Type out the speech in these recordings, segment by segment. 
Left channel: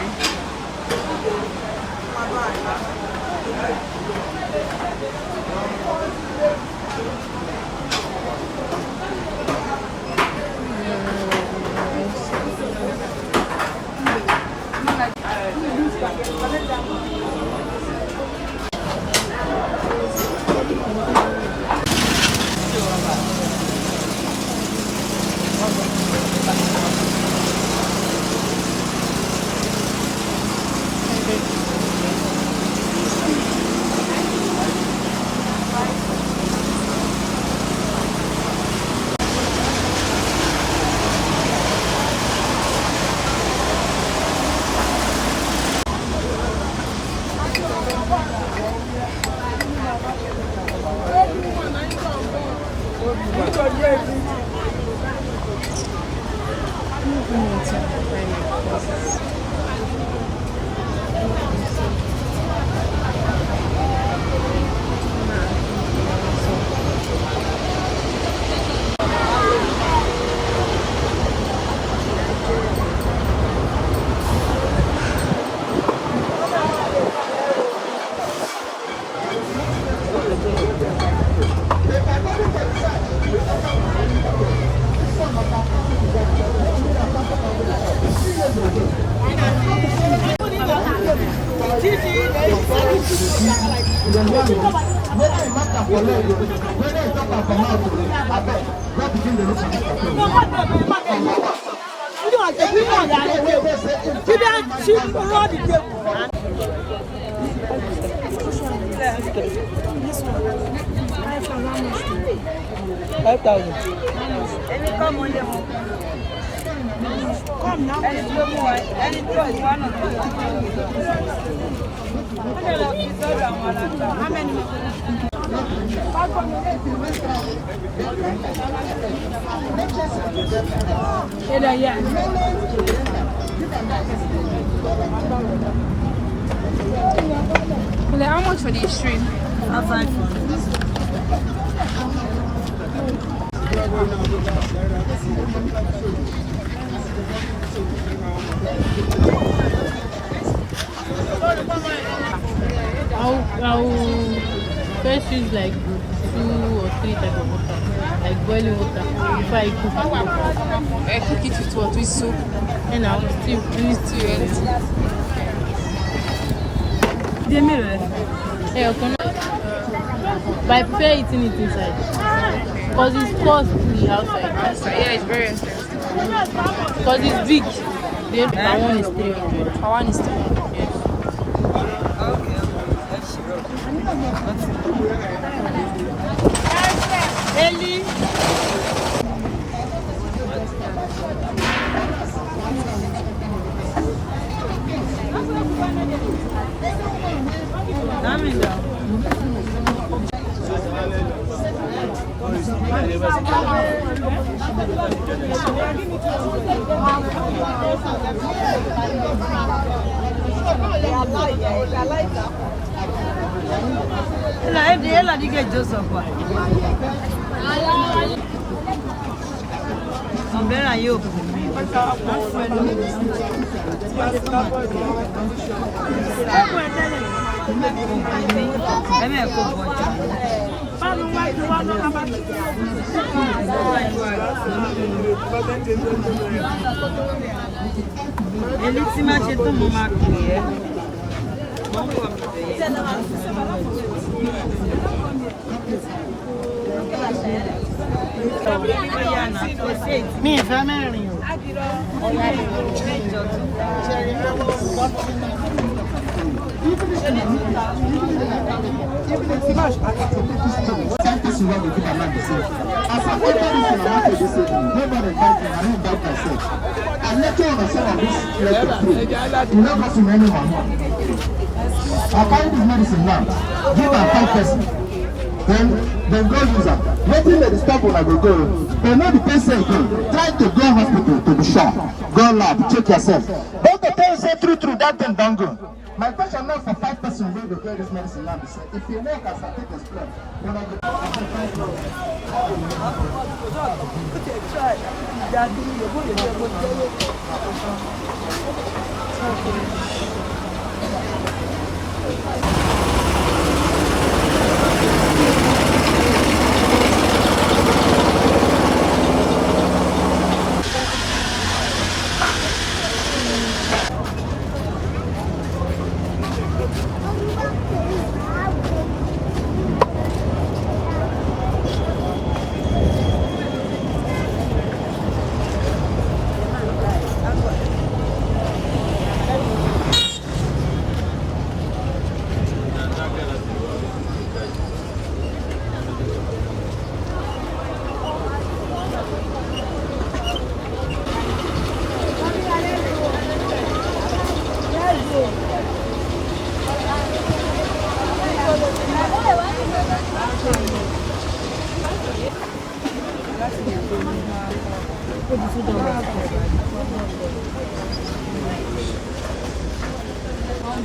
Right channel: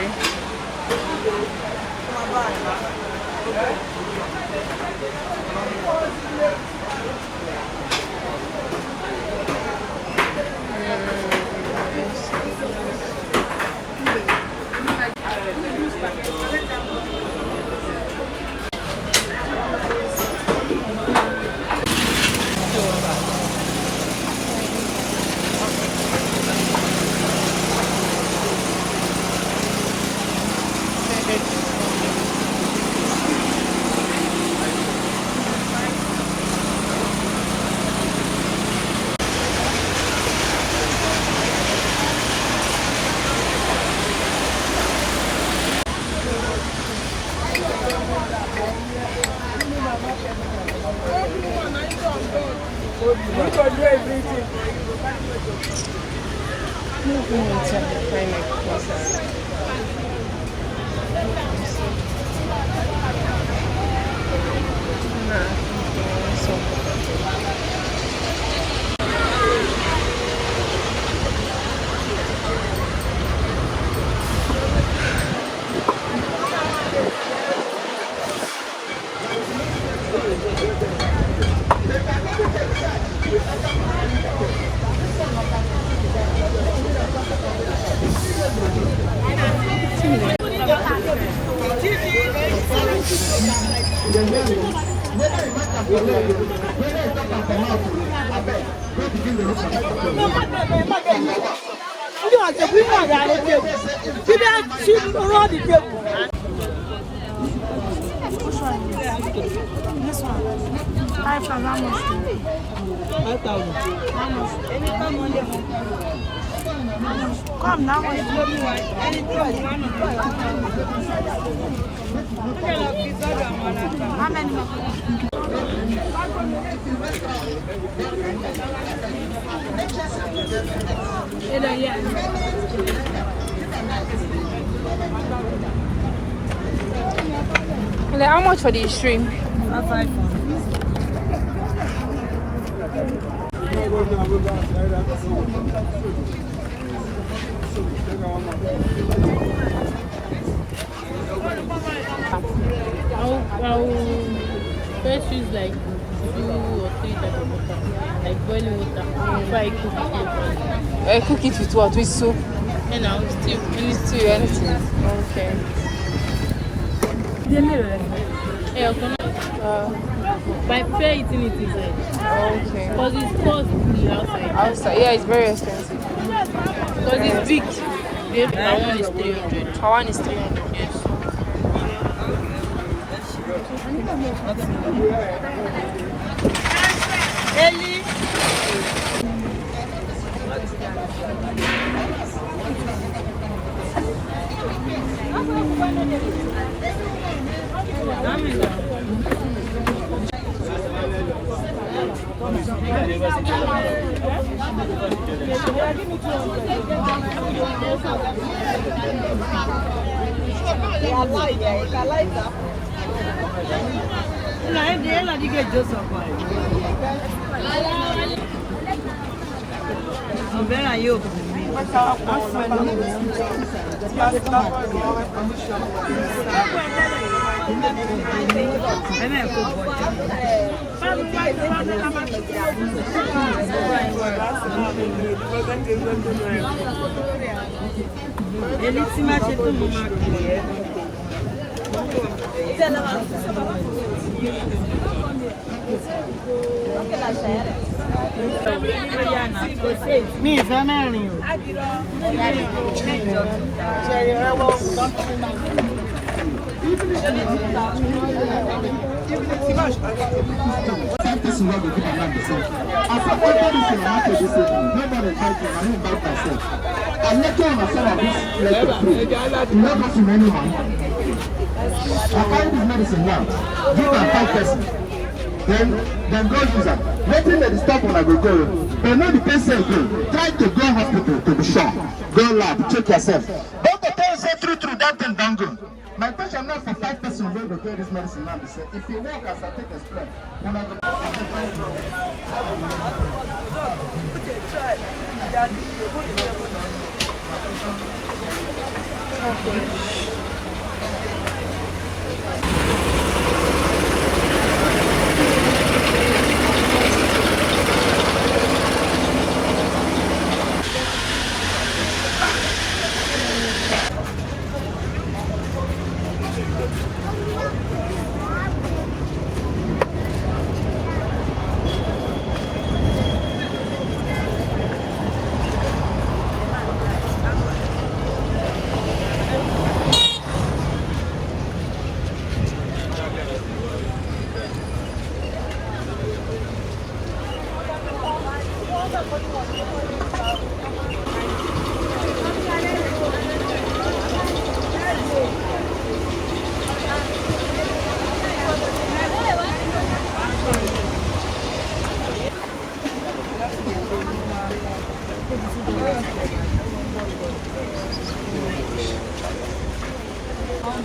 sorry. This one. 5,000. Any come on the come now. How many? How much for the shrimp? 500. I'll first use like 2 or 3 types of water, like boiling water, before I cook it. Cook it with what? With soup? You know, stew. Stew, anything. Okay. Hey, okay. But I prefer eating it inside. Because it's costly outside. Outside, yeah, it's very expensive. Because it's big. That one is 300. Our one is 300. Yes. Umbrella yoke. Elissima c'è tu mamma qui. Mi family. Then go use them. Waiting at the stop when I will go. But not the patient trying to go hospital to be sure. Go lab, check yourself. Doctor tell you say true, that thing don't go. My question now for 5 persons where they get this medicine now. Say if you work as I take a spread, when I go.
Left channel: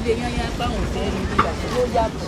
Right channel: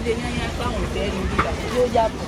gbé yányá báwọn fẹ́ rí rí bàtà yóò yá bọ̀.